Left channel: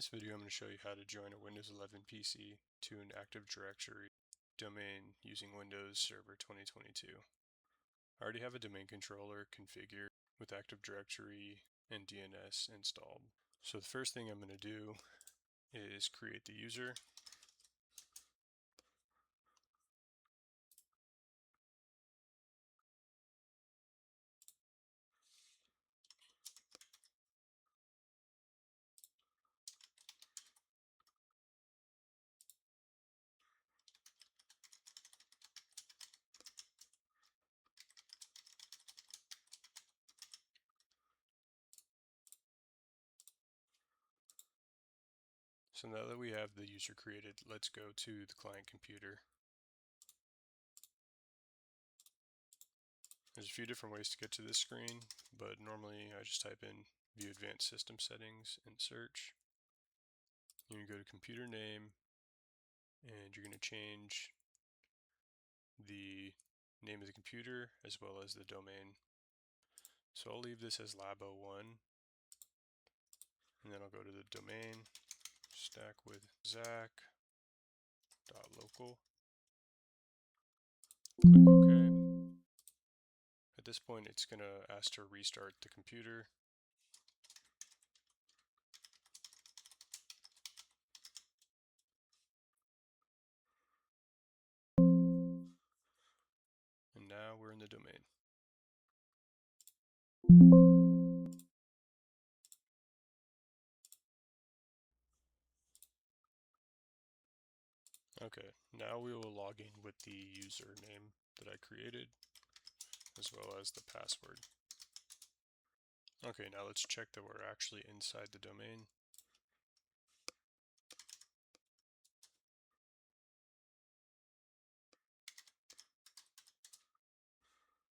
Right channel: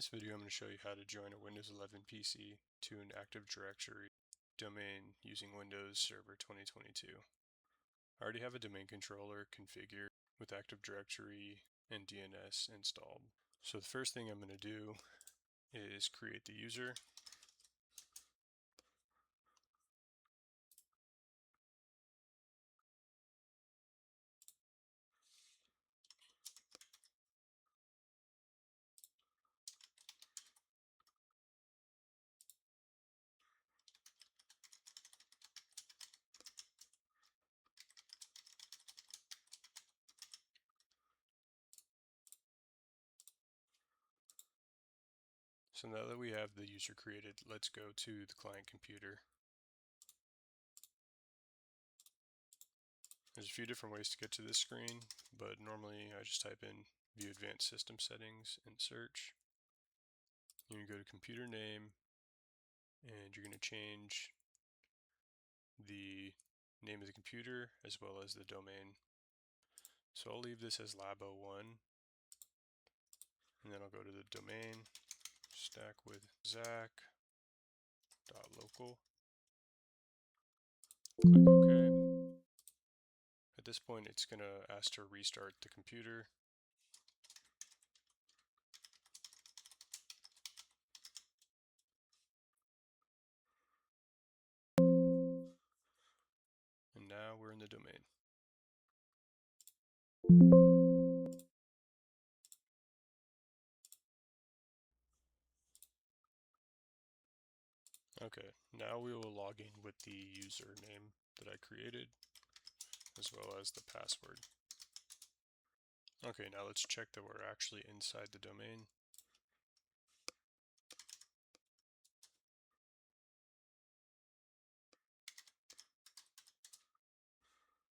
this video, I'm going to show you how to join a Windows 11 PC to an Active Directory domain using Windows Server 2022. I already have a domain controller configured with Active Directory and DNS installed. So the first thing I'm going to do is create the user. So now that we have the user created, let's go to the client computer. There's a few different ways to get to this screen, but normally I just type in View Advanced System Settings in search. You're going to go to Computer Name, and you're going to change the name of the computer as well as the domain. So I'll leave this as lab01, and then I'll go to the domain, stack with Zach.local, click OK. At this point, it's going to ask to restart the computer. And now we're in the domain. Okay, now we will log in with the username that I created, as well as the password. Okay, now let's check that we're actually inside the domain.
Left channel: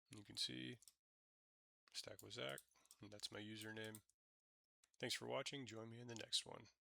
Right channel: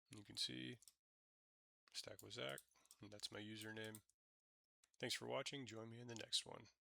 You can see Stack with Zach, and that's my username. Thanks for watching. Join me in the next one.